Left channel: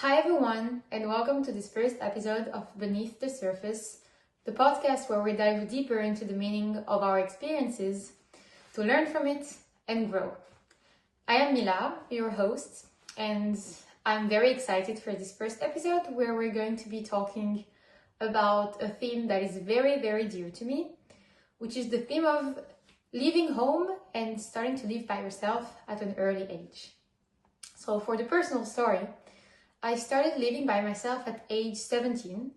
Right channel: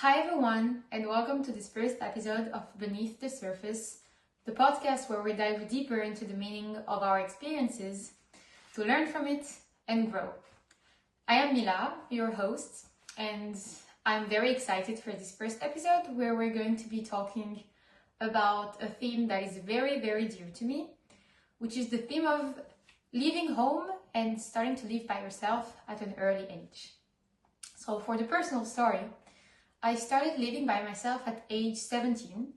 Hi, everyone, and welcome to this first episode of Beneath the Surface, the podcast where we dive deeper into the meaning of our experiences to learn from it and grow. I am Mila, your host, and I'm very excited for this first episode where we're going to be talking about a theme that is very, very dear to me, which is the theme of leaving home and starting to live by yourself at an early age. So, for the personal story, I started living by myself at age 17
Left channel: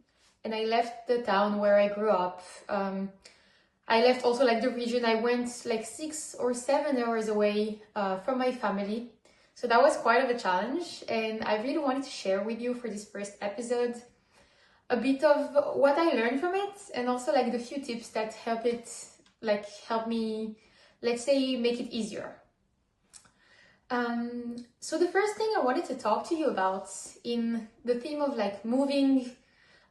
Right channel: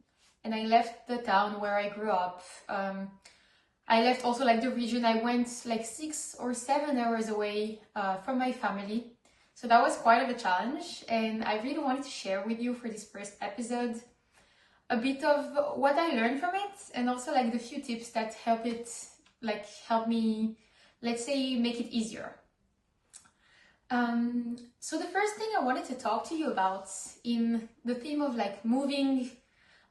and I left the town where I grew up. I left also the region. I went 6 or 7 hours away from my family. So that was quite of a challenge, and I really wanted to share with you for this first episode a bit of what I learned from it, and also the few tips that help me, let's say, make it easier. So the first thing I wanted to talk to you about in the theme of moving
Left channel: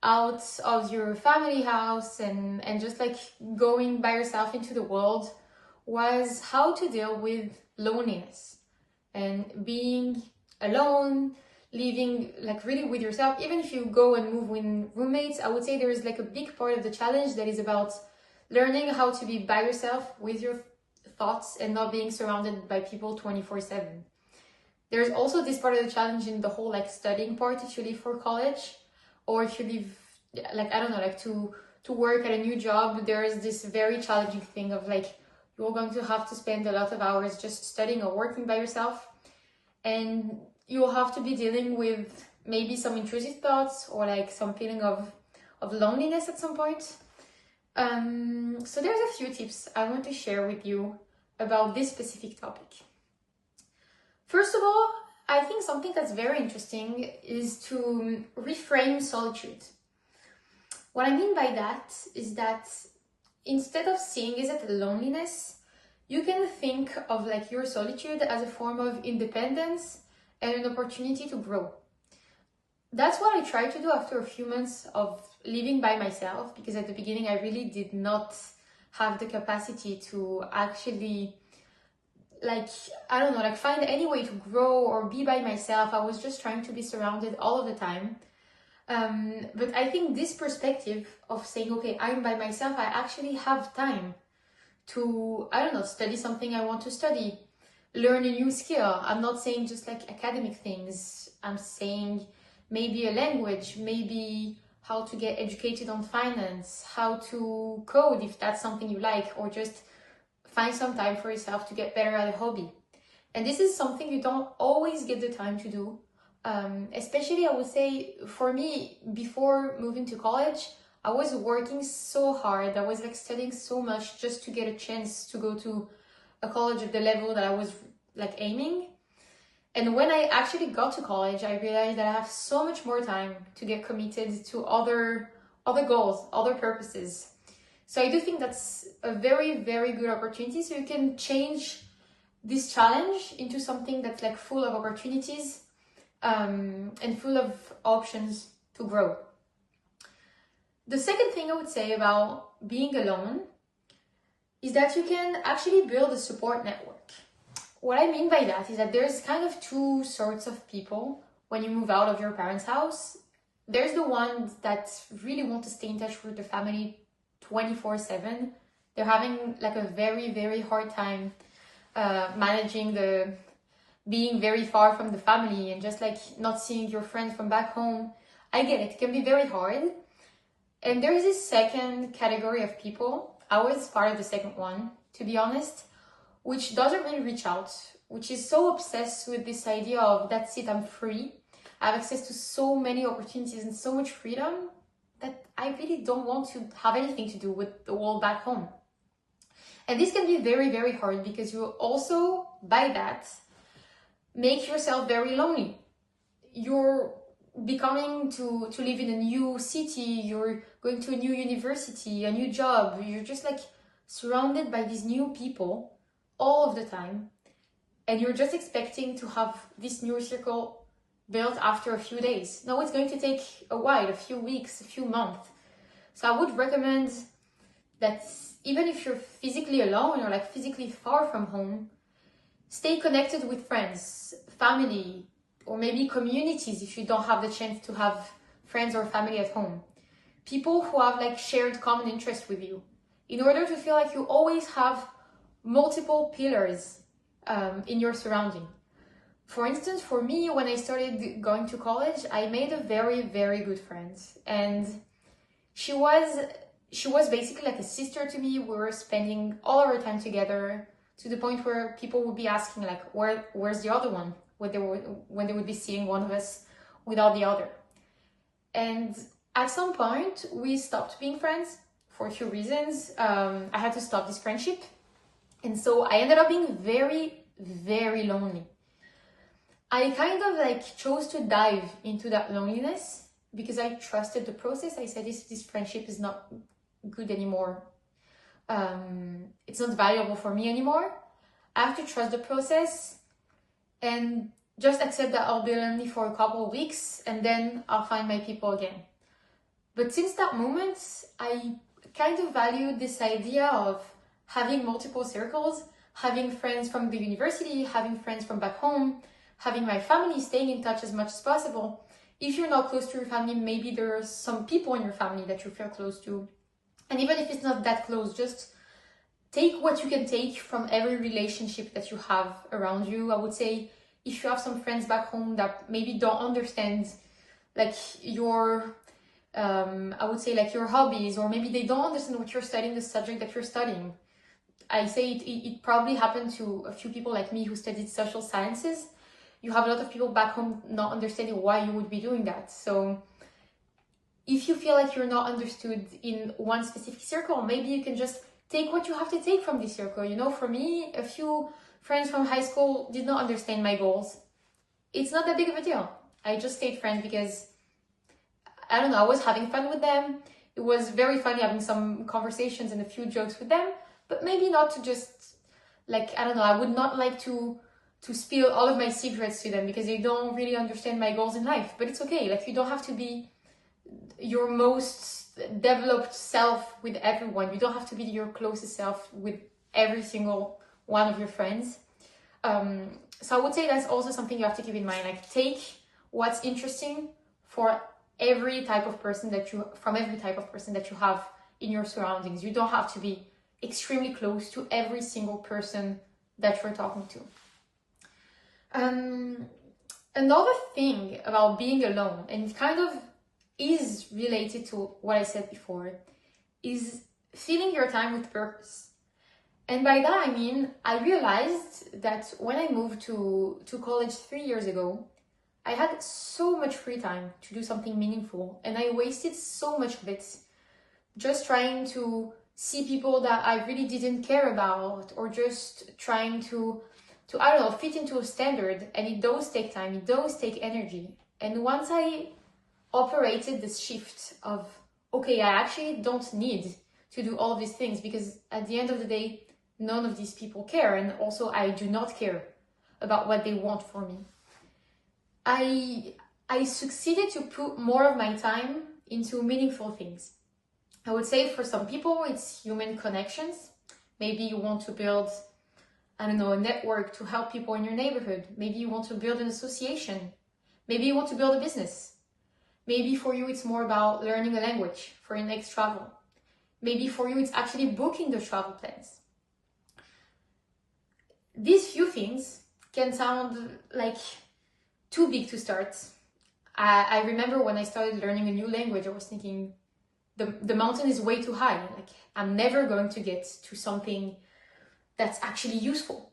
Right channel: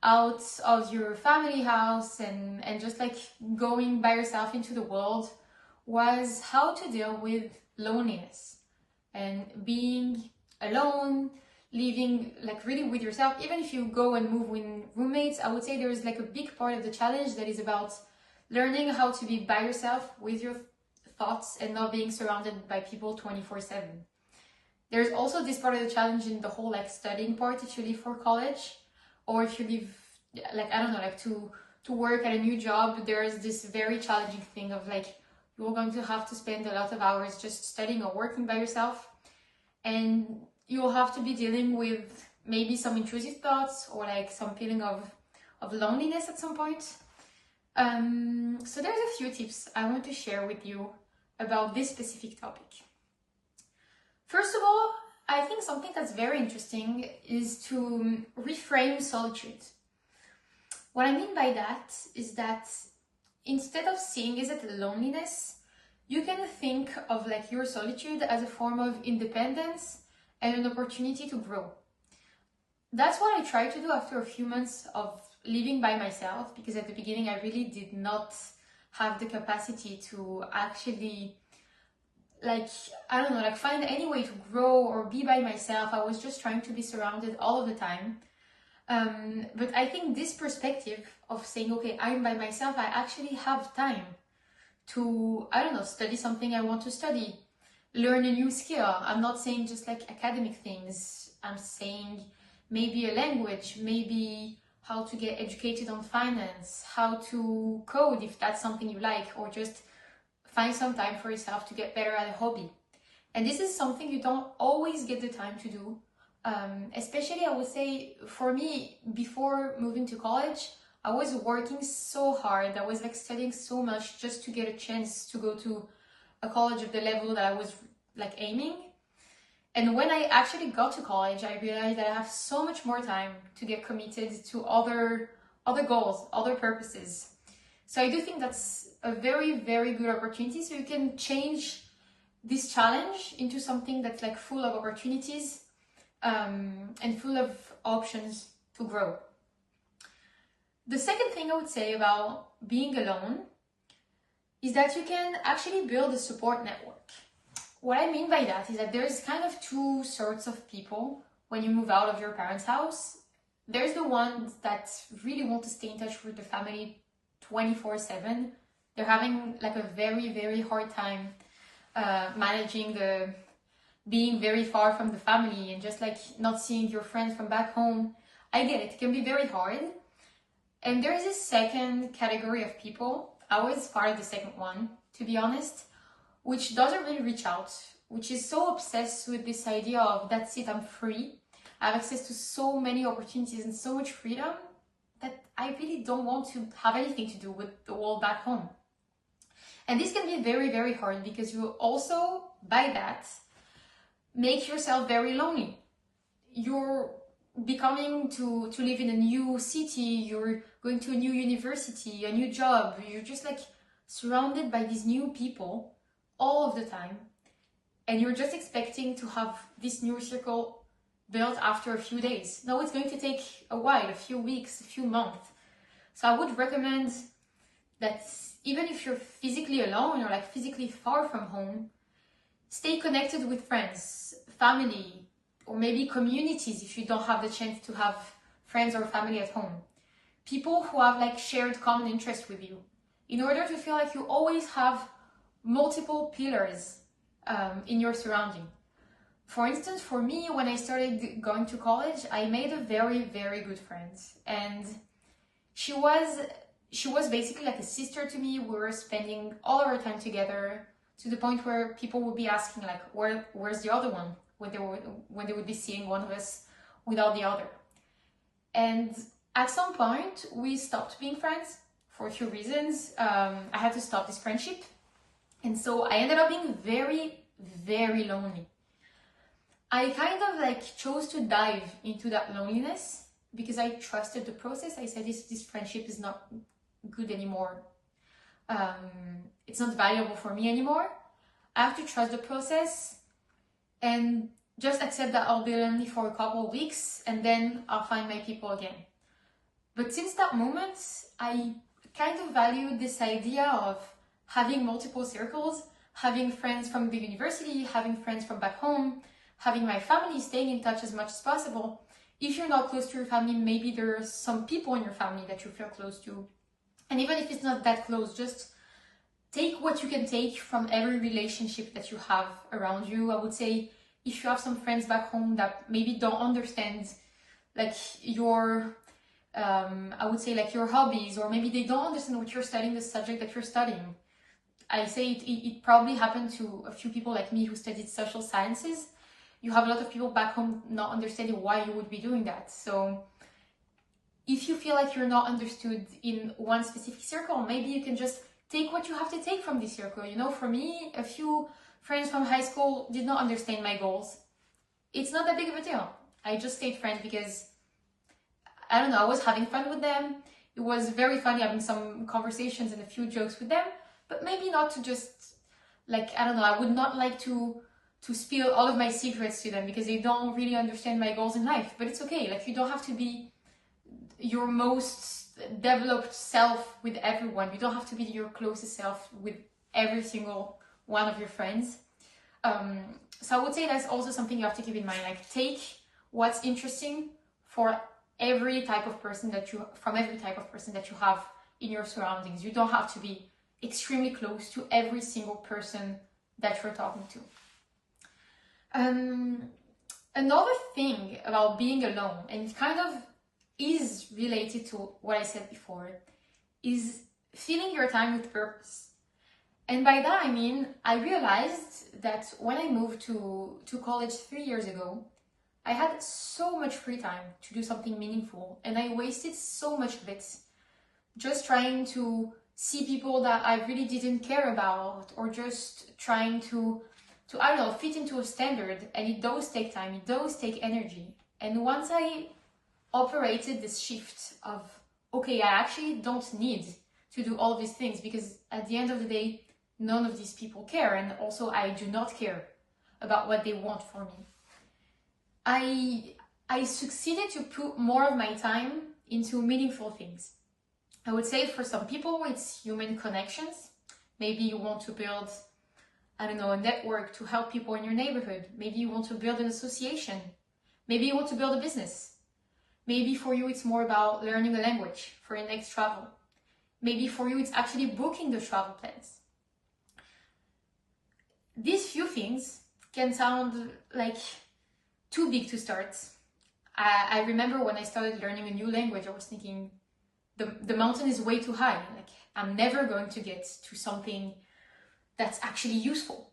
out of your family house and just going by yourself into the world was how to deal with loneliness and being alone, living really with yourself. Even if you go and move with roommates, I would say there is a big part of the challenge that is about learning how to be by yourself with your thoughts and not being surrounded by people 24/7. There's also this part of the challenge in the whole studying part if you leave for college, or if you leave to work at a new job. There's this very challenging thing of you're going to have to spend a lot of hours just studying or working by yourself, and you'll have to be dealing with maybe some intrusive thoughts or some feeling of loneliness at some point. So there's a few tips I want to share with you about this specific topic. First of all, I think something that's very interesting is to reframe solitude. What I mean by that is that instead of seeing it as loneliness, you can think of your solitude as a form of independence and an opportunity to grow. That's what I tried to do after a few months of living by myself, because at the beginning I really did not have the capacity to actually find any way to grow or be by myself. I was just trying to be surrounded all of the time. But I think this perspective of saying, okay, I'm by myself, I actually have time to, study something I want to study, learn a new skill. I'm not saying just academic things. I'm saying maybe a language, maybe how to get educated on finance, how to code if that's something you like, or just find some time for yourself to get better at a hobby. And this is something you don't always get the time to do. Especially, I would say, for me, before moving to college, I was working so hard. I was studying so much just to get a chance to go to a college of the level that I was aiming. And when I actually got to college, I realized that I have so much more time to get committed to other goals, other purposes. So I do think that's a very, very good opportunity. So you can change this challenge into something that's full of opportunities and full of options to grow. The second thing I would say about being alone is that you can actually build a support network. What I mean by that is that there's kind of two sorts of people when you move out of your parents' house. There's the ones that really want to stay in touch with the family 24/7. They're having a very, very hard time managing the being very far from the family and just not seeing your friends from back home. I get it. It can be very hard. And there's this second category of people. I was part of the second one, to be honest, which doesn't really reach out, which is so obsessed with this idea of that's it, I'm free. I have access to so many opportunities and so much freedom that I really don't want to have anything to do with the world back home. And this can be very, very hard because you also, by that, make yourself very lonely. You're becoming to live in a new city, you're going to a new university, a new job, you're just surrounded by these new people all of the time, and you're just expecting to have this new circle built after a few days. No, it's going to take a while, a few weeks, a few months. So I would recommend that even if you're physically alone or physically far from home, stay connected with friends, family, or maybe communities if you don't have the chance to have friends or family at home. People who have like shared common interests with you, in order to feel like you always have multiple pillars in your surrounding. For instance, for me, when I started going to college, I made a very, very good friend, and she was basically like a sister to me. We were spending all our time together, to the point where people would be asking like, where's the other one, when they would be seeing one of us without the other. And at some point we stopped being friends for a few reasons. I had to stop this friendship, and so I ended up being very, very lonely. I kind of like chose to dive into that loneliness because I trusted the process. I said, this friendship is not good anymore. It's not valuable for me anymore. I have to trust the process and just accept that I'll be lonely for a couple of weeks and then I'll find my people again. But since that moment, I kind of valued this idea of having multiple circles, having friends from the university, having friends from back home, having my family, staying in touch as much as possible. If you're not close to your family, maybe there are some people in your family that you feel close to. And even if it's not that close, just take what you can take from every relationship that you have around you. I would say if you have some friends back home that maybe don't understand like your, I would say like your hobbies, or maybe they don't understand what you're studying, the subject that you're studying. I say it probably happened to a few people like me who studied social sciences. You have a lot of people back home not understanding why you would be doing that. So if you feel like you're not understood in one specific circle, maybe you can just take what you have to take from this circle. You know, for me, a few friends from high school did not understand my goals. It's not that big of a deal. I just stayed friends because, I don't know, I was having fun with them. It was very funny having some conversations and a few jokes with them, but maybe not to just, like, I don't know, I would not like to spill all of my secrets to them because they don't really understand my goals in life. But it's okay. Like, you don't have to be your most developed self with everyone. You don't have to be your closest self with every single one of your friends. So I would say that's also something you have to keep in mind. Like, take what's interesting for every type of person that you have in your surroundings. You don't have to be extremely close to every single person that you're talking to. Another thing about being alone, and it kind of is related to what I said before, is filling your time with purpose. And by that I mean, I realized that when I moved to college 3 years ago, I had so much free time to do something meaningful, and I wasted so much of it just trying to see people that I really didn't care about, or just trying to I don't know, fit into a standard. And it does take time, it does take energy. And once I operated this shift of, okay, I actually don't need to do all of these things, because at the end of the day, none of these people care, and also I do not care about what they want for me. I succeeded to put more of my time into meaningful things. I would say for some people, it's human connections. Maybe you want to build, I don't know, a network to help people in your neighborhood. Maybe you want to build an association. Maybe you want to build a business. Maybe for you, it's more about learning a language for your next travel. Maybe for you, it's actually booking the travel plans. These few things can sound like too big to start. I remember when I started learning a new language, I was thinking, the mountain is way too high. Like, I'm never going to get to something that's actually useful.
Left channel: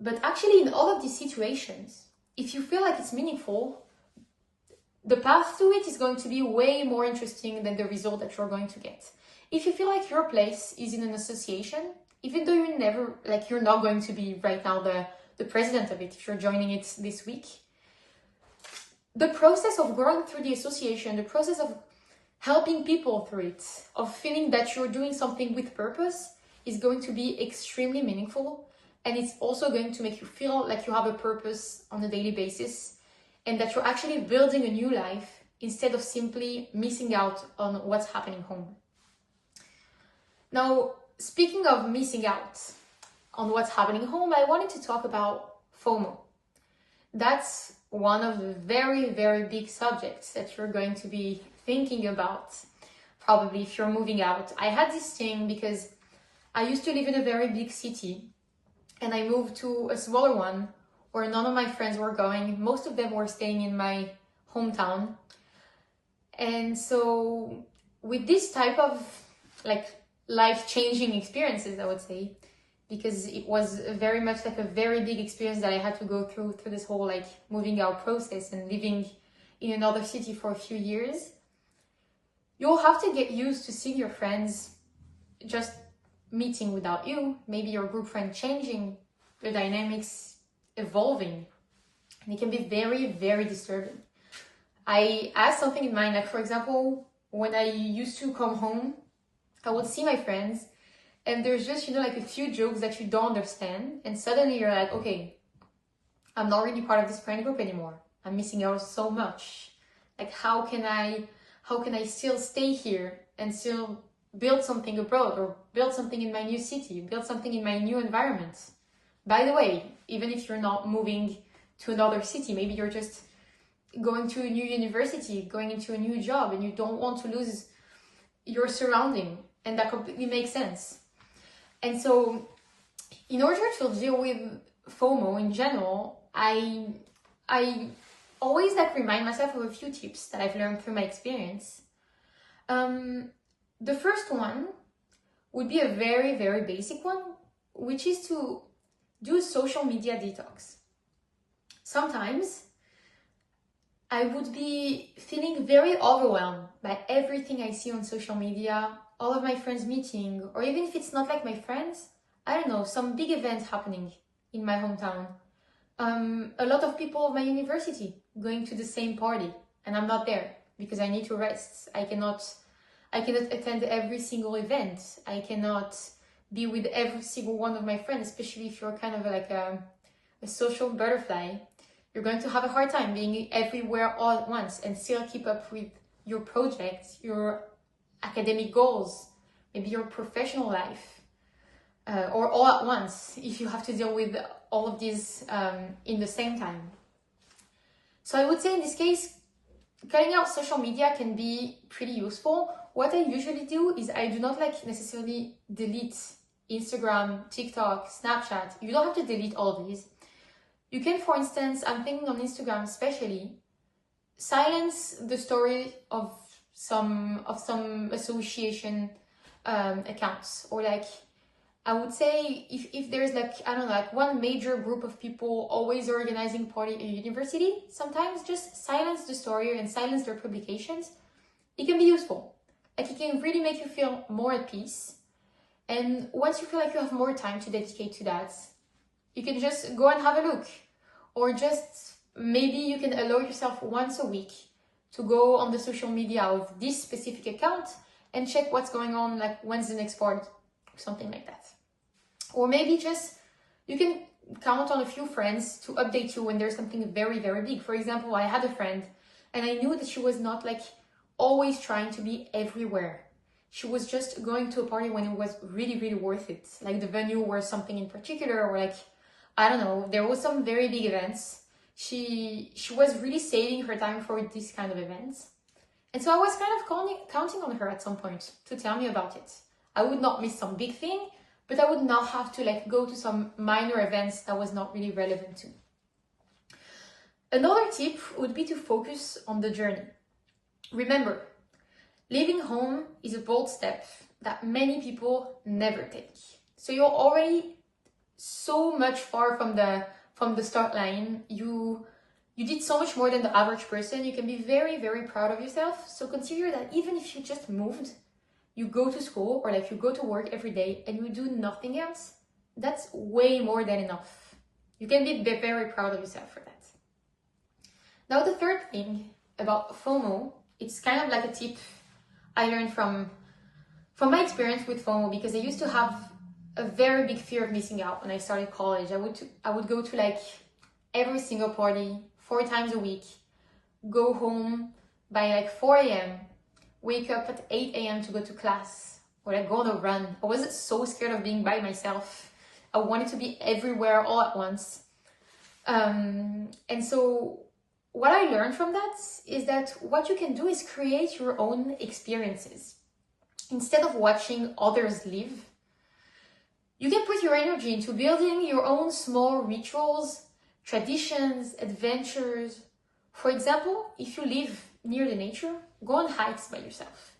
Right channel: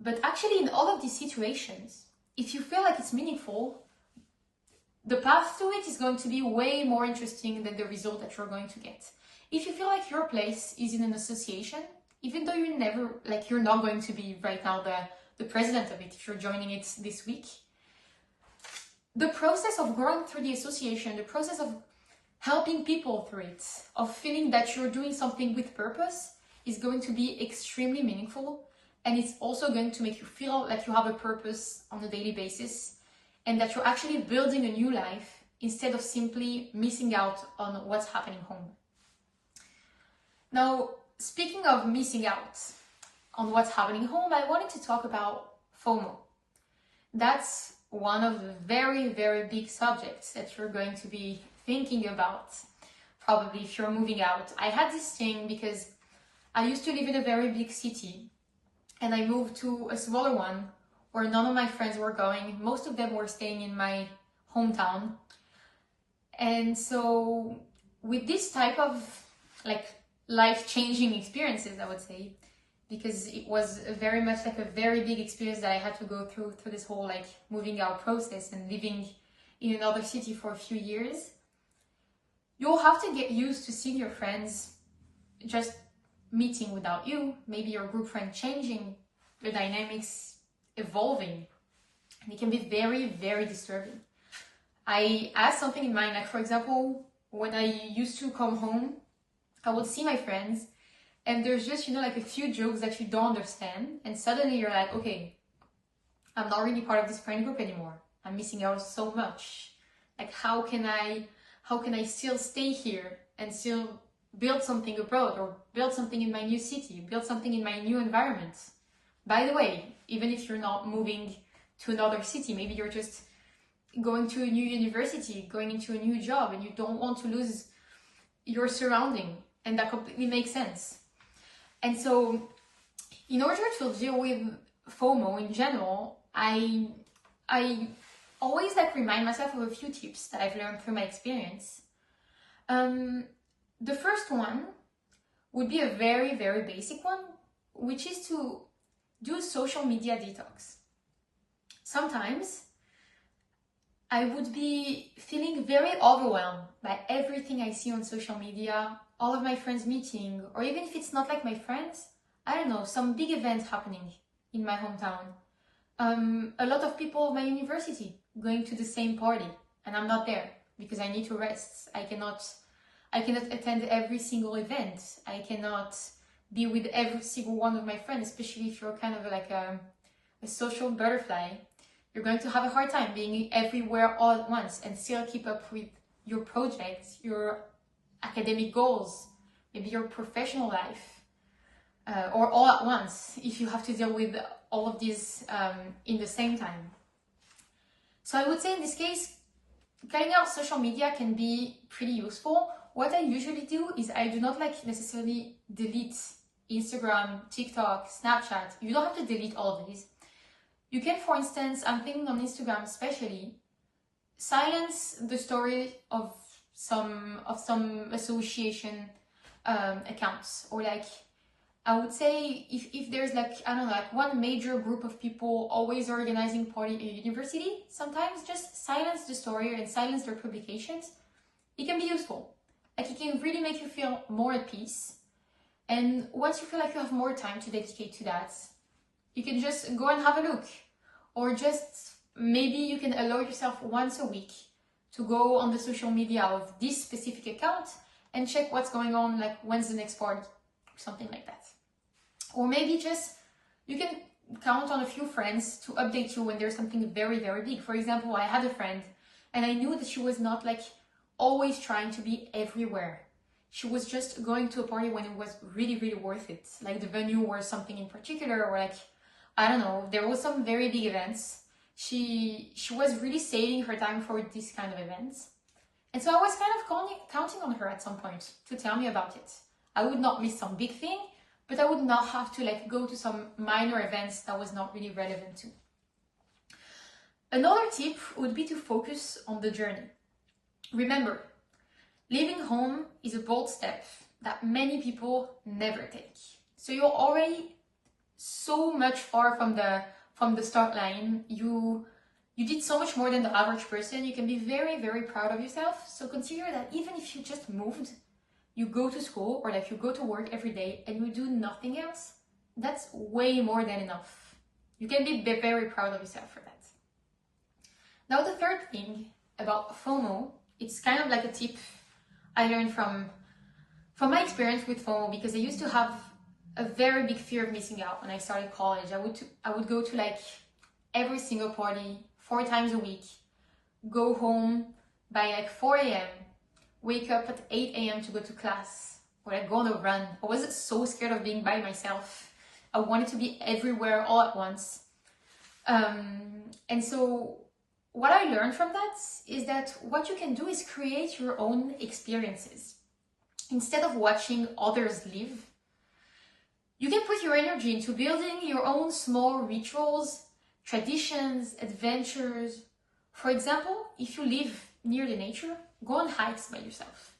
But actually, in all of these situations, if you feel like it's meaningful, the path to it is going to be way more interesting than the result that you're going to get. If you feel like your place is in an association, even though you're not going to be right now the president of it, if you're joining it this week, the process of going through the association, the process of helping people through it, of feeling that you're doing something with purpose, is going to be extremely meaningful. And it's also going to make you feel like you have a purpose on a daily basis, and that you're actually building a new life instead of simply missing out on what's happening home. Now, speaking of missing out on what's happening home, I wanted to talk about FOMO. That's one of the very, very big subjects that you're going to be thinking about, probably if you're moving out. I had this thing because I used to live in a very big city and I moved to a smaller one where none of my friends were going. Most of them were staying in my hometown. And so with this type of like life-changing experiences, I would say, because it was very much like a very big experience that I had to go through this whole like moving out process and living in another city for a few years, you'll have to get used to seeing your friends just meeting without you, maybe your group friend changing, the dynamics evolving, and it can be very, very disturbing. I have something in mind, like for example, when I used to come home, I would see my friends and there's just, like a few jokes that you don't understand. And suddenly you're like, okay, I'm not really part of this friend group anymore. I'm missing out so much. Like, how can I still stay here and still build something abroad or build something in my new city, build something in my new environment? By the way, even if you're not moving to another city, maybe you're just going to a new university, going into a new job, and you don't want to lose your surrounding, and that completely makes sense. And so in order to deal with FOMO in general, I always like remind myself of a few tips that I've learned through my experience. The first one would be a very, very basic one, which is to do social media detox. Sometimes I would be feeling very overwhelmed by everything I see on social media, all of my friends meeting, or even if it's not like my friends, I don't know, some big event happening in my hometown. A lot of people of my university going to the same party, and I'm not there because I need to rest. I cannot attend every single event. I cannot be with every single one of my friends, especially if you're kind of like a social butterfly. You're going to have a hard time being everywhere all at once and still keep up with your projects, your academic goals, maybe your professional life, or all at once if you have to deal with all of these in the same time. So I would say in this case, cutting out social media can be pretty useful. What I usually do is I do not like necessarily delete Instagram, TikTok, Snapchat. You don't have to delete all of these. You can, for instance, I'm thinking on Instagram especially, silence the story of some association accounts, or like I would say if there's like, I don't know, like one major group of people always organizing party at a university, sometimes just silence the story and silence their publications. It can be useful. Like it can really make you feel more at peace. And once you feel like you have more time to dedicate to that, you can just go and have a look. Or just maybe you can allow yourself once a week to go on the social media of this specific account and check what's going on, like when's the next party, or something like that. Or maybe just you can count on a few friends to update you when there's something very, very big. For example, I had a friend and I knew that she was not like always trying to be everywhere. She was just going to a party when it was really, really worth it. Like the venue or something in particular, or like, I don't know, there was some very big events. She was really saving her time for these kind of events. And so I was kind of counting on her at some point to tell me about it. I would not miss some big thing, but I would not have to like go to some minor events that was not really relevant to. Another tip would be to focus on the journey. Remember, leaving home is a bold step that many people never take. So you're already so much far from the start line. You did so much more than the average person. You can be very, very proud of yourself. So consider that even if you just moved, you go to school or like you go to work every day and you do nothing else, that's way more than enough. You can be very proud of yourself for that. Now the third thing about FOMO, it's kind of like a tip I learned from my experience with FOMO, because I used to have a very big fear of missing out when I started college. I would go to like every single party 4 times a week, go home by like 4 a.m., wake up at 8 a.m. to go to class, or like go on a run. I was so scared of being by myself. I wanted to be everywhere all at once. And so what I learned from that is that what you can do is create your own experiences. Instead of watching others live, you can put your energy into building your own small rituals, traditions, adventures. For example, if you live near the nature, go on hikes by yourself.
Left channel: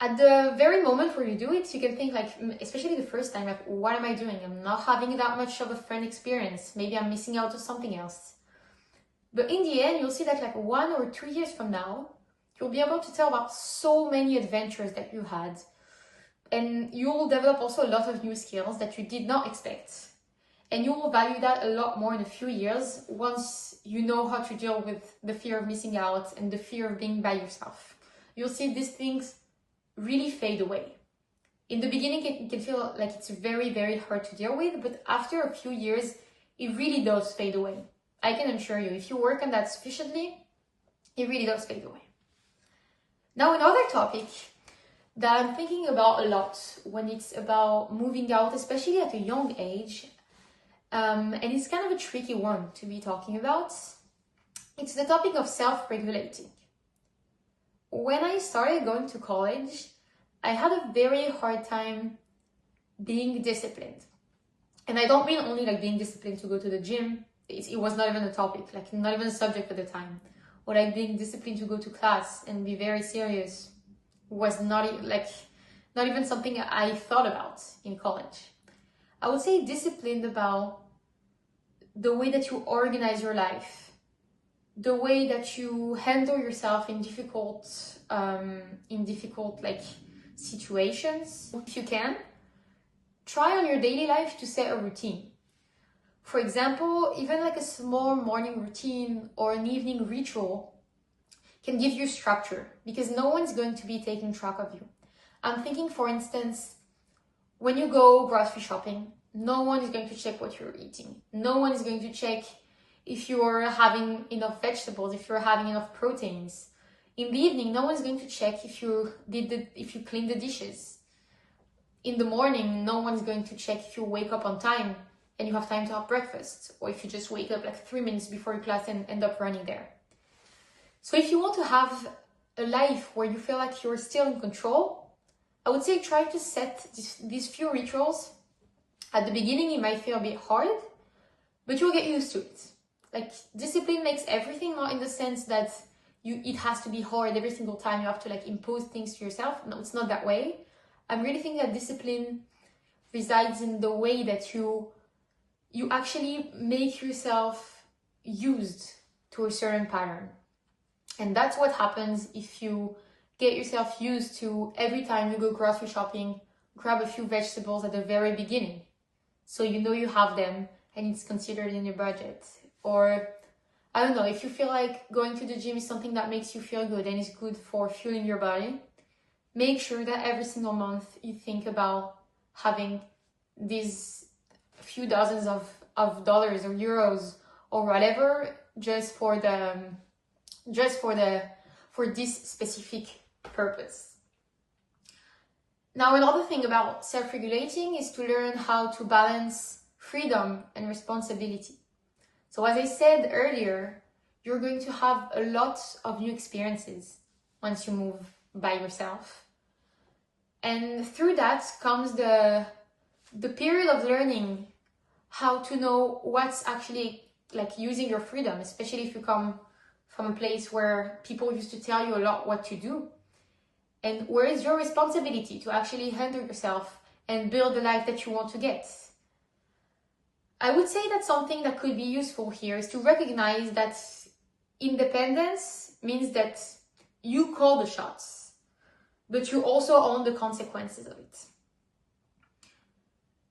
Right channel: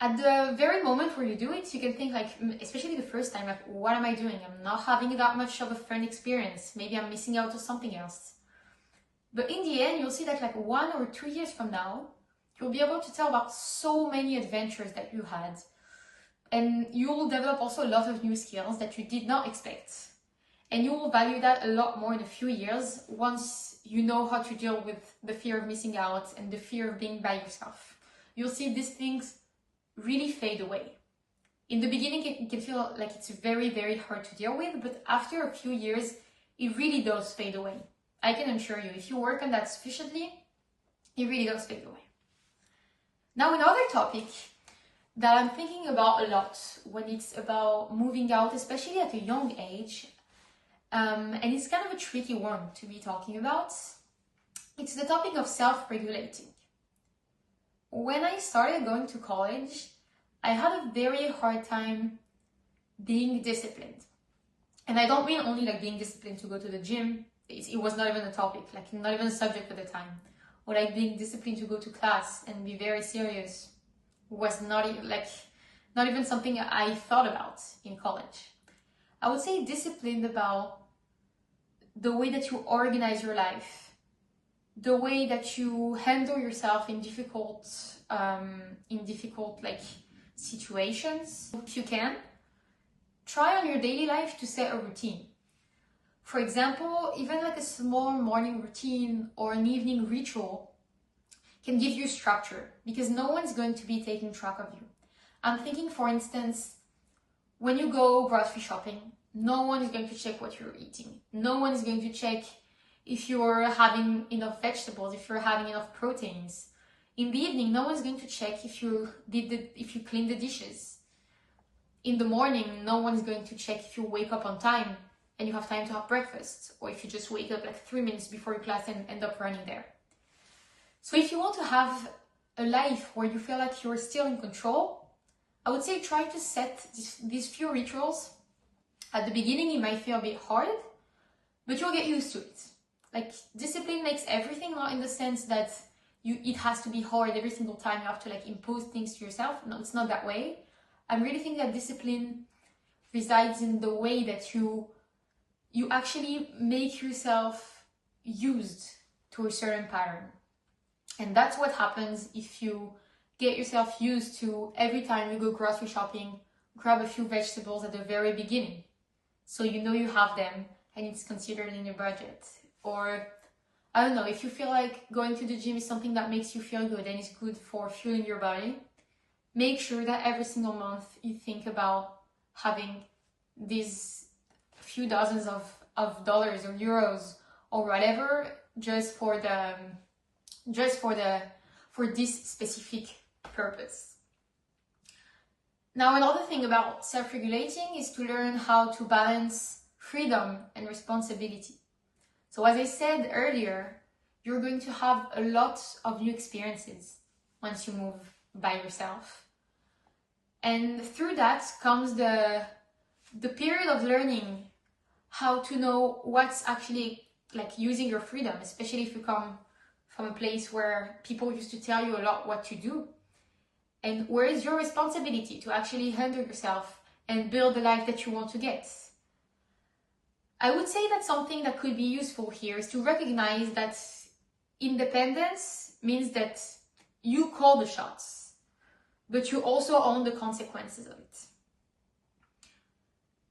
At the very moment where you do it, you can think like, especially the first time, like, what am I doing? I'm not having that much of a fun experience. Maybe I'm missing out on something else. But in the end, you'll see that like 1 or 2 years from now, you'll be able to tell about so many adventures that you had. And you will develop also a lot of new skills that you did not expect. And you will value that a lot more in a few years once you know how to deal with the fear of missing out and the fear of being by yourself. You'll see these things really fade away. In the beginning, it can feel like it's very, very hard to deal with, but after a few years, it really does fade away. I can assure you, if you work on that sufficiently, it really does fade away. Now, another topic that I'm thinking about a lot when it's about moving out, especially at a young age, and it's kind of a tricky one to be talking about, it's the topic of self-regulating. When I started going to college, I had a very hard time being disciplined. And I don't mean only like being disciplined to go to the gym. It was not even a topic, like not even a subject at the time. Or like being disciplined to go to class and be very serious was not even something I thought about in college. I would say disciplined about the way that you organize your life, the way that you handle yourself in difficult like situations. If you can, try on your daily life to set a routine. For example, even like a small morning routine or an evening ritual can give you structure because no one's going to be taking track of you. I'm thinking, for instance, when you go grocery shopping, no one is going to check what you're eating. No one is going to check if you're having enough vegetables, if you're having enough proteins. In the evening, no one's going to check if you clean the dishes. In the morning, no one's going to check if you wake up on time and you have time to have breakfast, or if you just wake up like 3 minutes before your class and end up running there. So if you want to have a life where you feel like you're still in control, I would say try to set these few rituals. At the beginning, it might feel a bit hard, but you'll get used to it. Like, discipline makes everything, not in the sense that it has to be hard every single time you have to like impose things to yourself. No, it's not that way. I'm really thinking that discipline resides in the way that you actually make yourself used to a certain pattern. And that's what happens if you get yourself used to every time you go grocery shopping, grab a few vegetables at the very beginning. So you know you have them and it's considered in your budget. Or, I don't know, if you feel like going to the gym is something that makes you feel good and is good for fueling your body, make sure that every single month you think about having these few dozens of dollars or euros or whatever just for this specific purpose. Now, another thing about self-regulating is to learn how to balance freedom and responsibility. So as I said earlier, you're going to have a lot of new experiences once you move by yourself. And through that comes the period of learning how to know what's actually like using your freedom, especially if you come from a place where people used to tell you a lot what to do. And where is your responsibility to actually handle yourself and build the life that you want to get? I would say that something that could be useful here is to recognize that independence means that you call the shots, but you also own the consequences of it.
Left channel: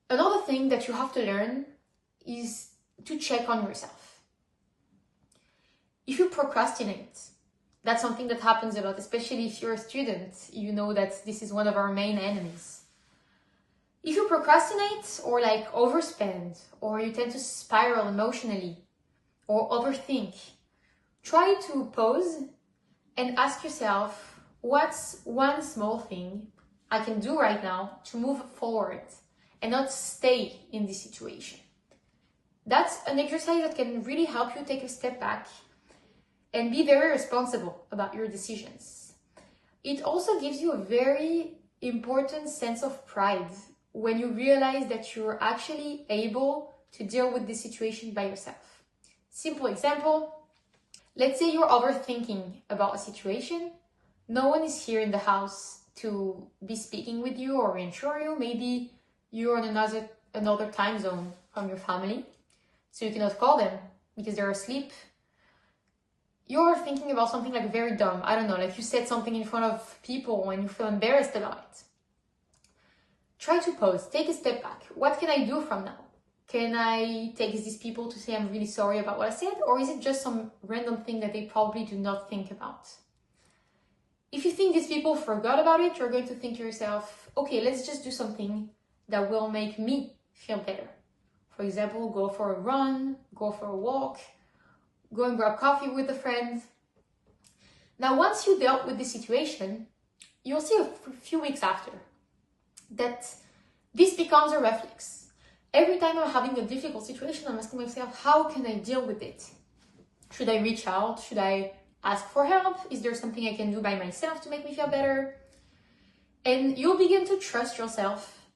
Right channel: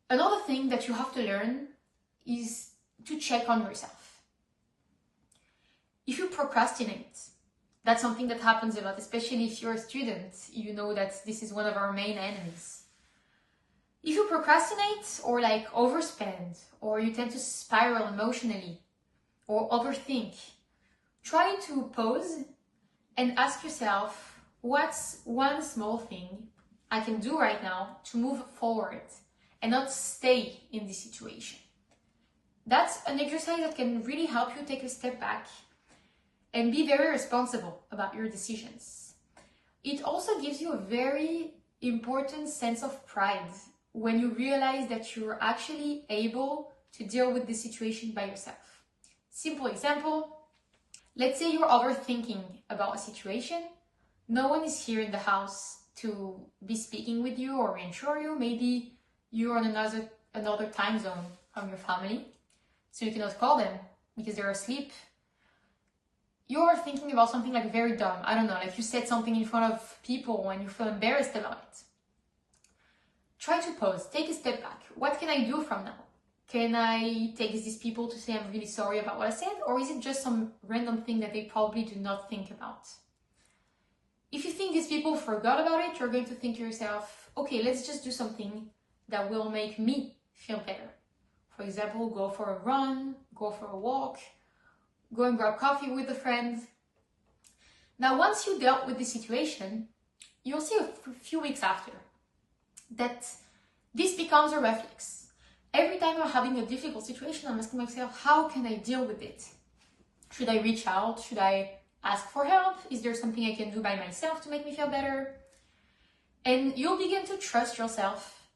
Another thing that you have to learn is to check on yourself. If you procrastinate, that's something that happens a lot, especially if you're a student. You know that this is one of our main enemies. If you procrastinate or like overspend, or you tend to spiral emotionally or overthink, try to pause and ask yourself, what's one small thing I can do right now to move forward and not stay in this situation? That's an exercise that can really help you take a step back and be very responsible about your decisions. It also gives you a very important sense of pride when you realize that you're actually able to deal with the situation by yourself. Simple example, let's say you're overthinking about a situation. No one is here in the house to be speaking with you or reassure you. Maybe you're on another time zone from your family, so you cannot call them because they're asleep. You're thinking about something like very dumb. I don't know, like you said something in front of people and you feel embarrassed about it. Try to pause, take a step back. What can I do from now? Can I text these people to say I'm really sorry about what I said? Or is it just some random thing that they probably do not think about? If you think these people forgot about it, you're going to think to yourself, okay, let's just do something that will make me feel better. For example, go for a run, go for a walk, go and grab coffee with a friend. Now, once you dealt with the situation, you'll see a few weeks after that this becomes a reflex. Every time I'm having a difficult situation, I'm asking myself, how can I deal with it? Should I reach out? Should I ask for help? Is there something I can do by myself to make me feel better? And you'll begin to trust yourself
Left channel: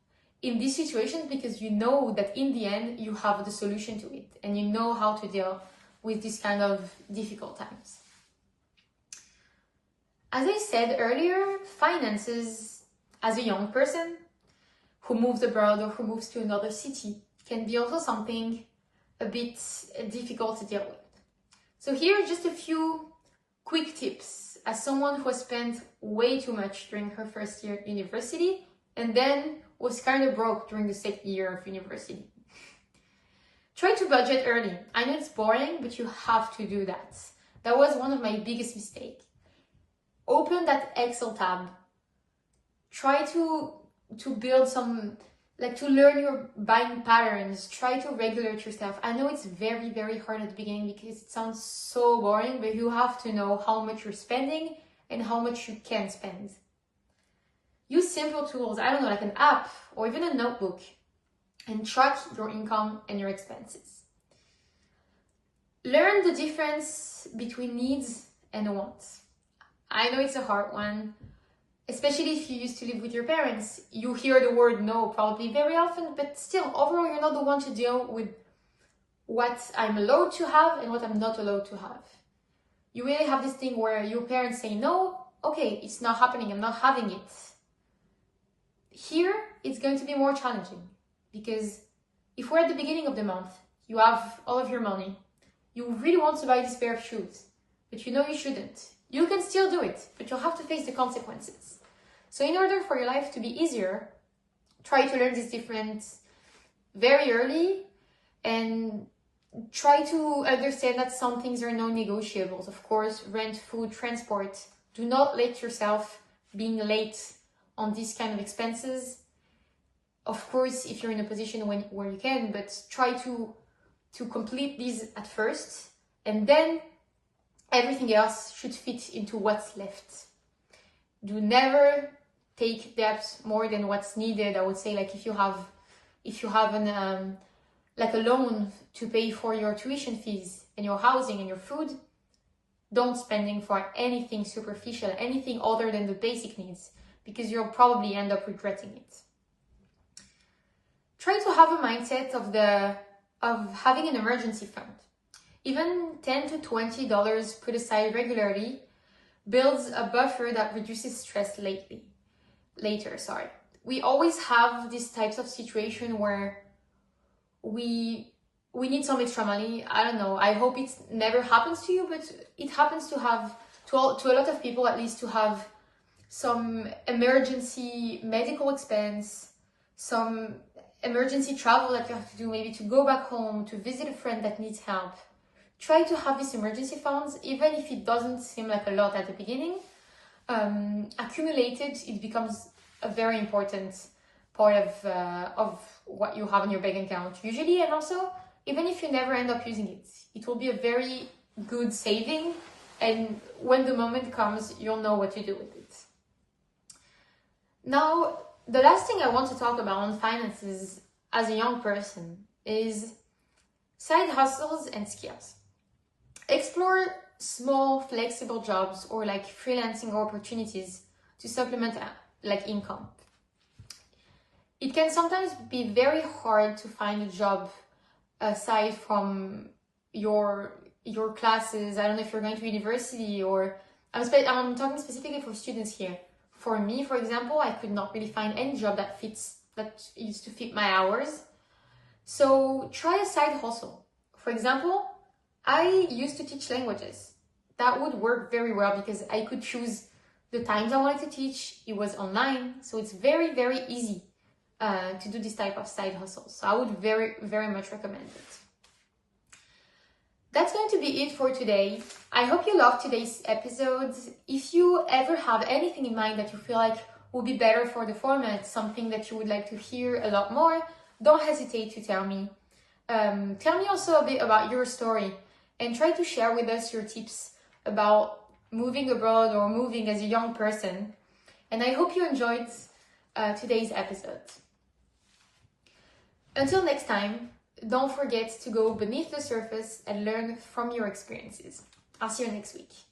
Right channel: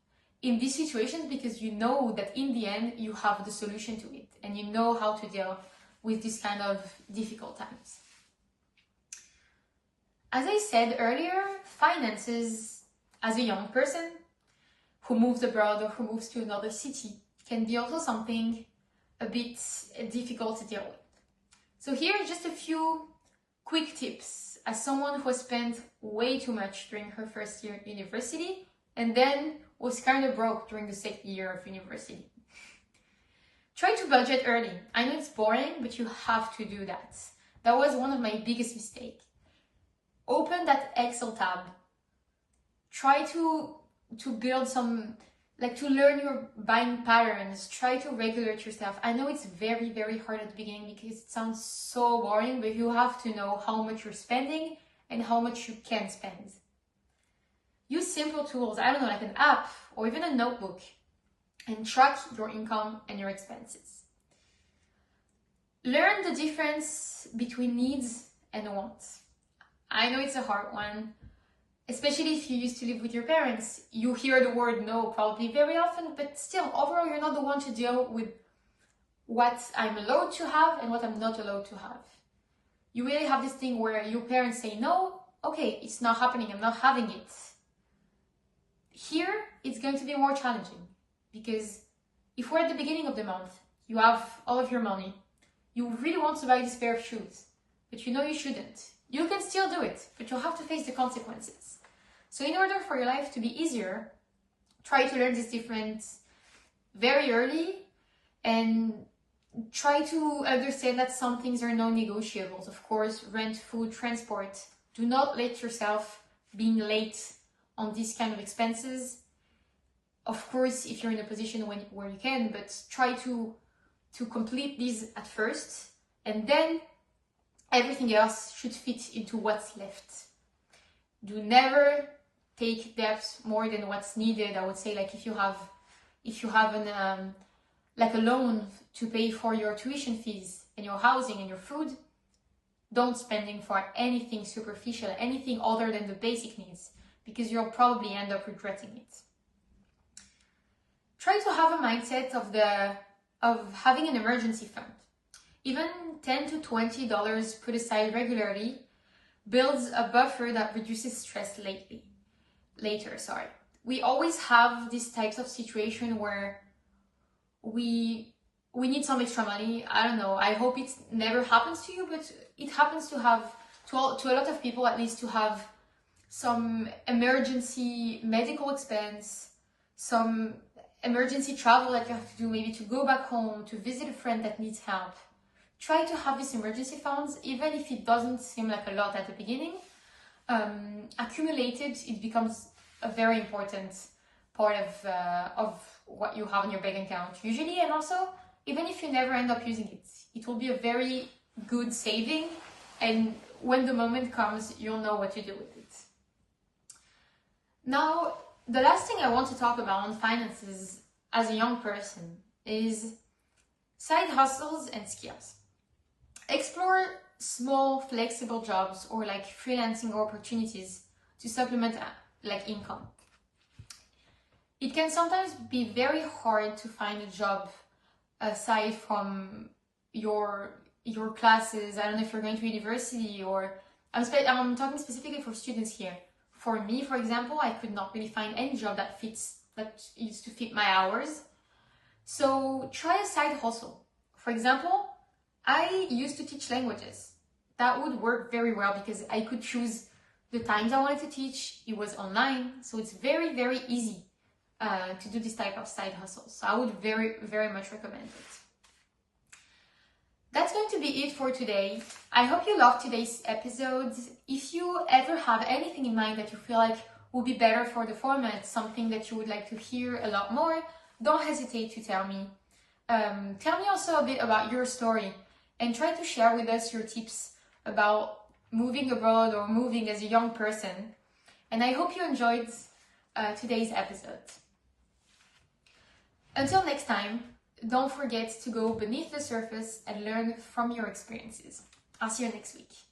in these situations because you know that in the end, you have the solution to it and you know how to deal with this kind of difficult times. As I said earlier, finances as a young person who moves abroad or who moves to another city can be also something a bit difficult to deal with. So here are just a few quick tips as someone who has spent way too much during her first year at university and then was kind of broke during the second year of university. Try to budget early. I know it's boring, but you have to do that. That was one of my biggest mistakes. Open that Excel tab. Try to build some, to learn your buying patterns. Try to regulate yourself. I know it's very, very hard at the beginning because it sounds so boring, but you have to know how much you're spending and how much you can spend. Use simple tools, I don't know, like an app or even a notebook, and track your income and your expenses. Learn the difference between needs and wants. I know it's a hard one, especially if you used to live with your parents. You hear the word no probably very often, but still, overall, you're not the one to deal with what I'm allowed to have and what I'm not allowed to have. You really have this thing where your parents say no, okay, it's not happening, I'm not having it. Here, it's going to be more challenging because if we're at the beginning of the month, you have all of your money, you really want to buy this pair of shoes, but you know you shouldn't. You can still do it, but you'll have to face the consequences. So in order for your life to be easier, try to learn this difference very early and try to understand that some things are non-negotiables. Of course, rent, food, transport. Do not let yourself being late on these kind of expenses. Of course, if you're in a position where you can, but try to complete these at first, and then everything else should fit into what's left. Do never take debts more than what's needed. I would say, like if you have an like a loan to pay for your tuition fees and your housing and your food, don't spending for anything superficial, anything other than the basic needs, because you'll probably end up regretting it. Try to have a mindset of having an emergency fund. Even $10 to $20 put aside regularly builds a buffer that reduces stress later. We always have these types of situation where we need some extra money. I don't know. I hope it never happens to you, but it happens to a lot of people, at least, to have some emergency medical expense, some emergency travel that you have to do, maybe to go back home, to visit a friend that needs help. Try to have these emergency funds, even if it doesn't seem like a lot at the beginning. Accumulated, it becomes a very important part of what you have in your bank account usually, and also even if you never end up using it, it will be a very good saving, and when the moment comes, you'll know what to do with it. Now, the last thing I want to talk about on finances as a young person is side hustles and skills. Explore small flexible jobs or like freelancing opportunities to supplement like income. It can sometimes be very hard to find a job aside from your classes. I don't know if you're going to university, or I'm talking specifically for students here. For me, for example, I could not really find any job that used to fit my hours. So try a side hustle. For example, I used to teach languages. That would work very well because I could choose the times I wanted to teach. It was online, so it's very, very easy to do this type of side hustles. So I would very, very much recommend it. That's going to be it for today. I hope you loved today's episode. If you ever have anything in mind that you feel like would be better for the format, something that you would like to hear a lot more, don't hesitate to tell me. Tell me also a bit about your story and try to share with us your tips about moving abroad or moving as a young person. And I hope you enjoyed today's episode. Until next time, don't forget to go beneath the surface and learn from your experiences. I'll see you next week.